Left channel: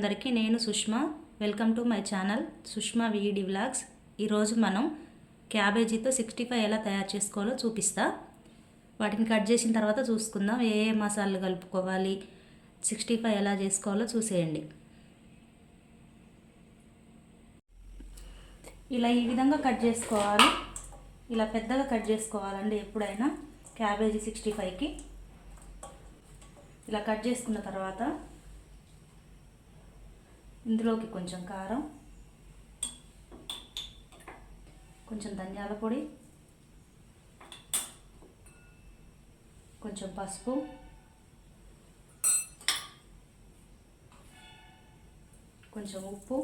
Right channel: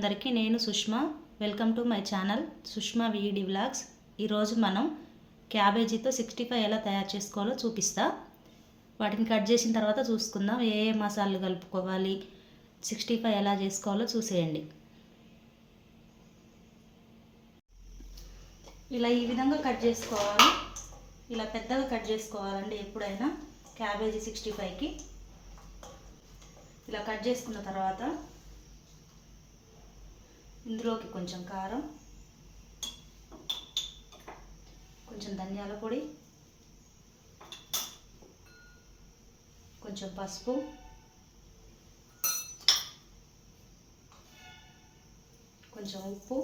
అందరికీ నేను Sushma. Welcome to my channel Sushma వీడి వ్లాగ్స్. ఈరోజు మనం క్యాబేజీతో 65 ఎలా తయారు చేసుకోవాలో చూపిస్తా. వాటిని కట్ చేసిన తర్వాత చూసుకుందాం ఏ ఏ మసాలాలు కలుపుకోవాలి, 65 ఎలా చేసుకోవాలో చూసేయండి. ఇలా ఈ విధంగా కట్ చేసుకోవాలి. ఇలా పెద్దగా కట్ చేసుకోవాలండి ఎప్పుడైనా క్యాబేజీ 65కి. ఇలా కట్ చేసుకున్న తర్వాత ఇందులోకి కొంచెం కారం, కొంచెం ధనియాల పొడి, కొంచెం పసుపు, కొంచెం ఉప్పు,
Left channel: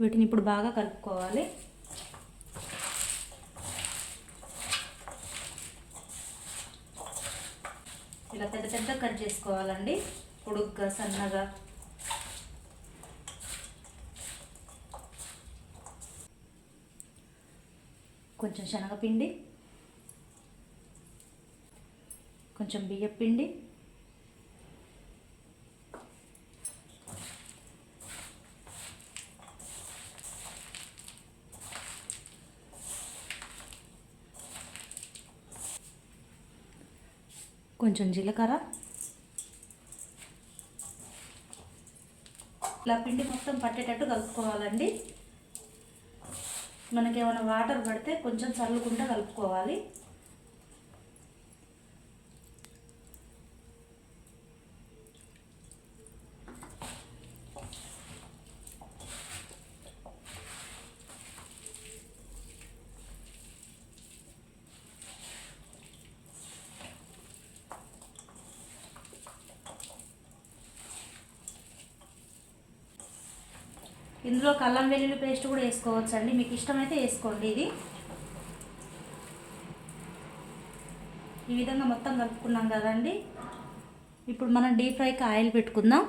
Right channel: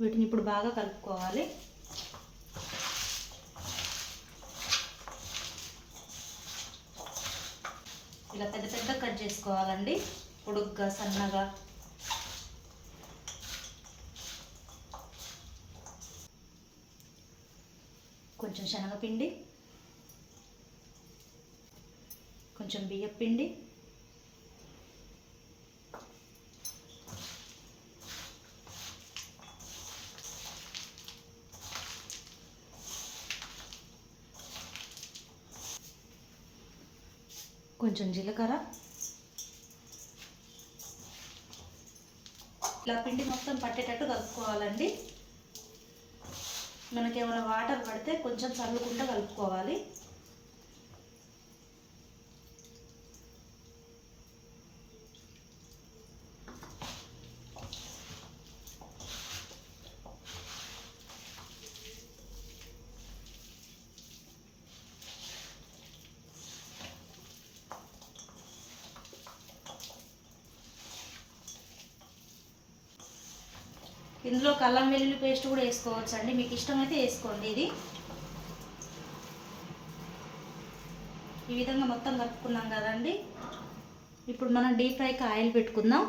వీటిని ఇప్పుడు బాగా కలుపుకోవాలి. ఇలా పెద్ద పెద్ద కట్ చేసుకోవాలండి, పొడుగ్గా సన్నగా. కొంచెం శనగపిండి, కొంచెం బియ్యపిండి, కొంచెం జీలకర్ర. ఇలా పిండి మొత్తం పట్టేటట్టు కలుపుకోవాలండి. మనకేమైనా వాటర్ పడితే కొంచెం చల్లుకుంటూ కలుపుకోవాలి. ఇందులో అల్లం వెల్లుల్లి పేస్ట్ కూడా వేసుకోవచ్చు అండి, మీకు ఇష్టమైతే వేసుకోండి. ఇది ఈ విధంగా మొత్తం కలుపుకున్నాం కదండి. ఇప్పుడు మనం డీప్ ఫ్రైకి ఆయిల్ పెట్టుకుందాం.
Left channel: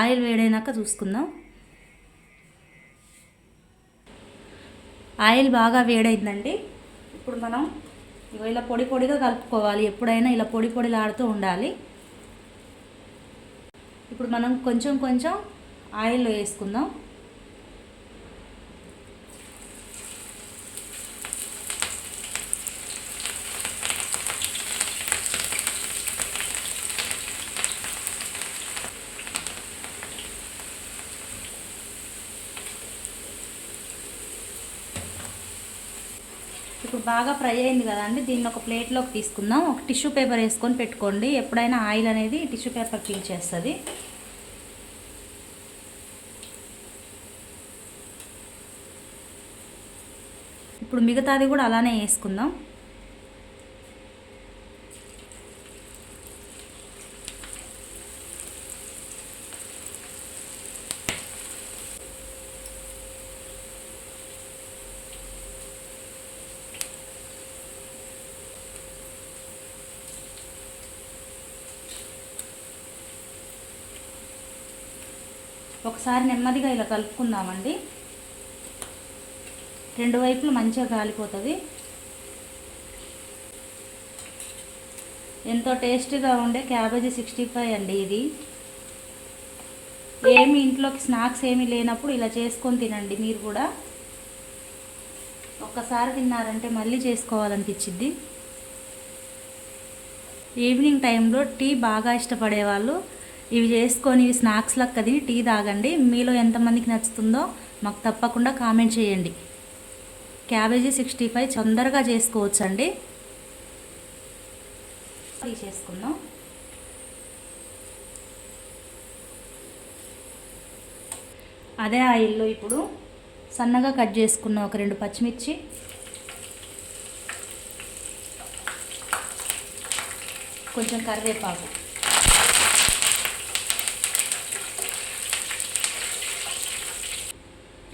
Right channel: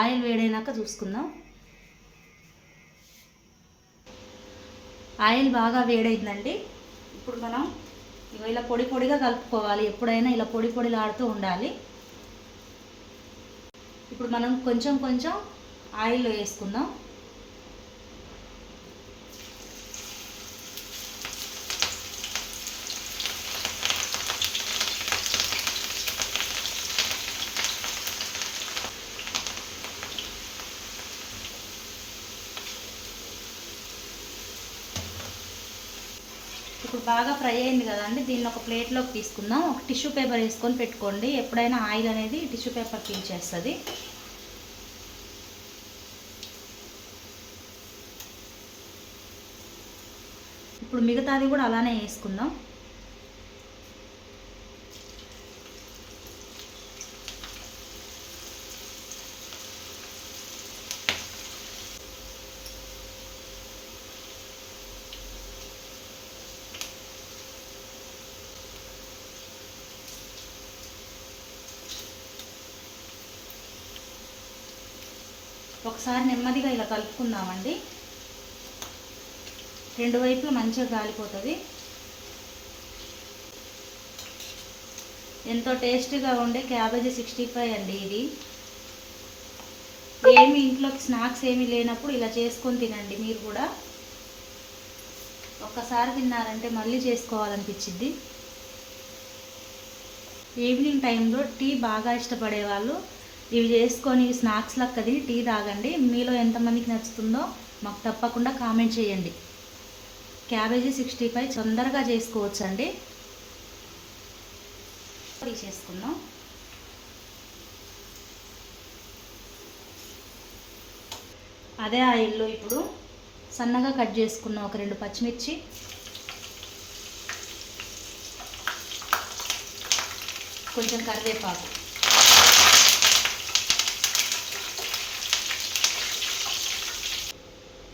ఆయిల్ వేడైనాక చూసుకుందాం. ఆయిల్ బాగా వేడైందండి. ఇప్పుడు మనం ఇలా పొడి పొడిగా కలుపుకోవాలి. ఎప్పుడైనా ఇలా పొడి పొడిలాడుతూ ఉండాలి. ఇప్పుడు మనం కొంచెం కొంచెం ఆయిల్లో వేసుకుందాం. ఇప్పుడు బాగా ఫ్రై అయింది కదా అండి, దీన్ని ఒక ప్లేట్లోకి తీసుకుందాం. ఒక టిష్యూ పేపర్ వేసుకొని పెట్టుకోండి. ఎప్పుడైనా ఆయిల్ అనేది టిష్యూ పేపర్ పీల్చేస్తుంది. ఇప్పుడు మిగతాది కూడా అలానే వేసుకుందాం. ఒకసారి నెమ్మదిగా ఇలా కలుపుకుందామండి. రెండు వైపులు మంచిగా కాలిపోతుంది. ఎంతో టేస్టీగా ఉండే క్యాబేజీ 65 అండి ఇది. ఏమి ఇంట్లోకి స్నాక్స్ ఏమీ లేనప్పుడు ఇలా చేసుకొని తినండి. మీరు కూడా ఒక్కసారి తిన్నారంటే మళ్ళీ చేసుకోవాలనిపించింది. ఈవినింగ్ టైంలో టీ బాగా ఇష్టపడే వాళ్ళు ఇవి చేసుకొని స్నాక్స్ లెక్క తిని టీ తాగండి. మీలో ఎంతమందికి నచ్చుతుందో మాకు తప్పకుండా కామెంట్ చేయండి. క్యాబేజీ 65 తొందరగా చేసుకోవచ్చు అండి. తీసేసుకుందాం. అదే ఆయిల్లో ఇప్పుడు సన్నగా కట్ చేసుకున్న ఒక 2 పచ్చిమిర్చి, కొంచెం కరివేపాకు,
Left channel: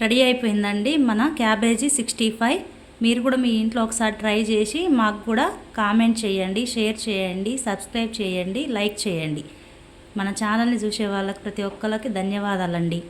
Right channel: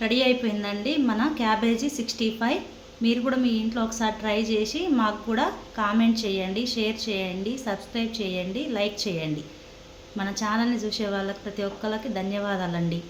రెడీ అయిపోయిందండి మన క్యాబేజీ 65. మీరు కూడా మీ ఇంట్లో ఒకసారి ట్రై చేసి మాకు కూడా కామెంట్ చేయండి, షేర్ చేయండి, సబ్స్క్రైబ్ చేయండి, లైక్ చేయండి. మన ఛానల్ని చూసే వాళ్ళకి ప్రతి ఒక్కరికి ధన్యవాదాలండి.